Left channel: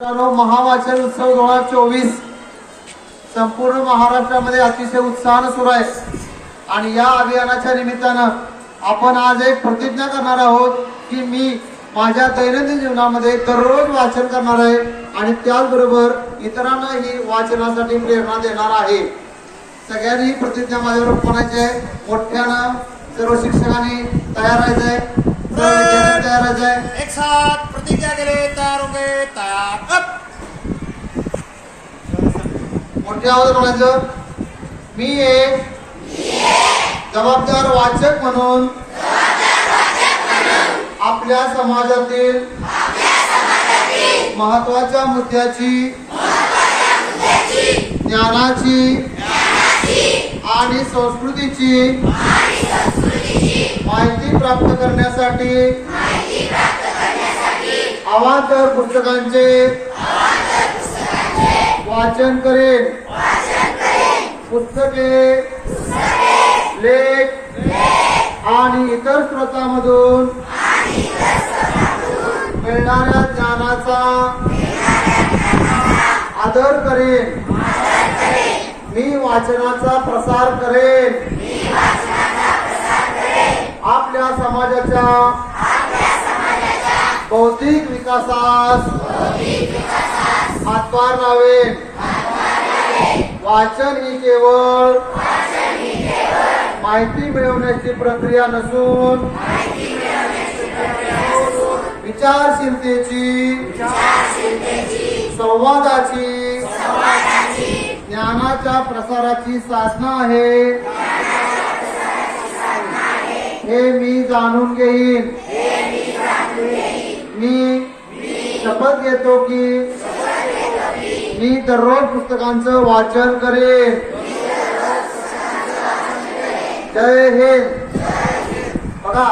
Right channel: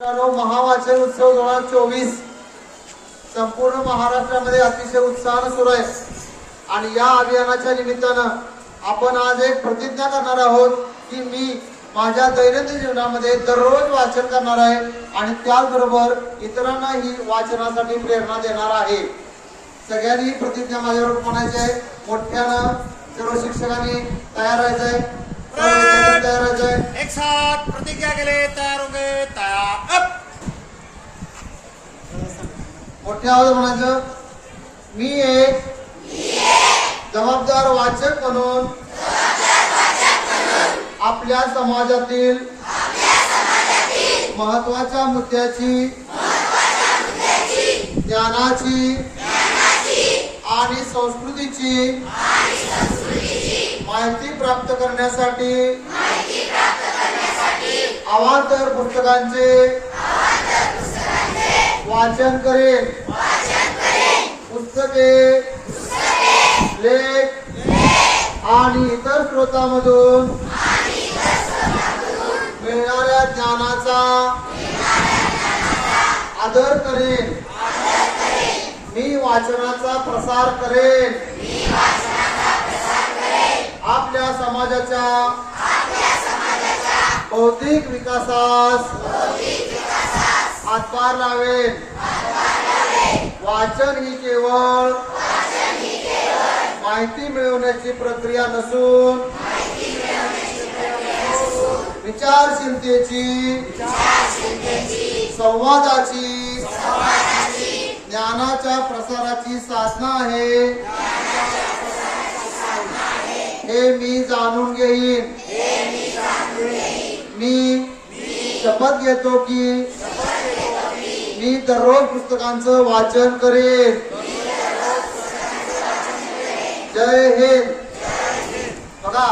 महावाचन उत्सव दोन हजार चोवीस संपूर्ण महाराष्ट्रामध्ये अतिशय उत्साहानं सुरू आहे. आणि या अभियानाच्या निमित्तानं आपण आज एक प्रतिज्ञा करणार आहोत की मी माझ्या दैनंदिन जीवनामध्ये दररोज वाचन करणार आहे आणि त्याचबरोबर इतरांनाही वाचनासाठी प्रेरणा देणार आहे. सगळ्यांनी ही प्रतिज्ञा माझ्यावर म्हणायची आहे. मोठ्यानं सर्व शिक्षकांनी तयार राहायचंय सर्व विद्यार्थी तयार राहायचंय एक साथ प्रतिज्ञा के लिए तैयार होंगे तैयार अप मोठ्या म्हणायचं मी एक जबाबदार वाचक म्हणून आपल्या समाजातील महत्त्वाच्या मुद्द्याची ज्ञानाची आणि संस्कृतीची माहिती प्राप्त करण्यासाठी अवांतर पुस्तकांचे वाचन करेन. पुस्तके लेख आणि इतर स्रोतांमधून मिळणाऱ्या ज्ञानाचा आदर करेन. मी वाचनाचा प्रसार करेन. समाजाच्या बौद्धिक विकासास हातभार लावेन वाचन ही केवळ माहिती मिळवण्याची प्रक्रिया नसून विचारशीलतेची संवादाची ज्ञानाच्या प्रसाराची साधना आहे. हे मी जाणून घेईन. मी शपथ घेतो की मी दररोज पुस्तकांचं वाचन करेन. जय हिंद. बघा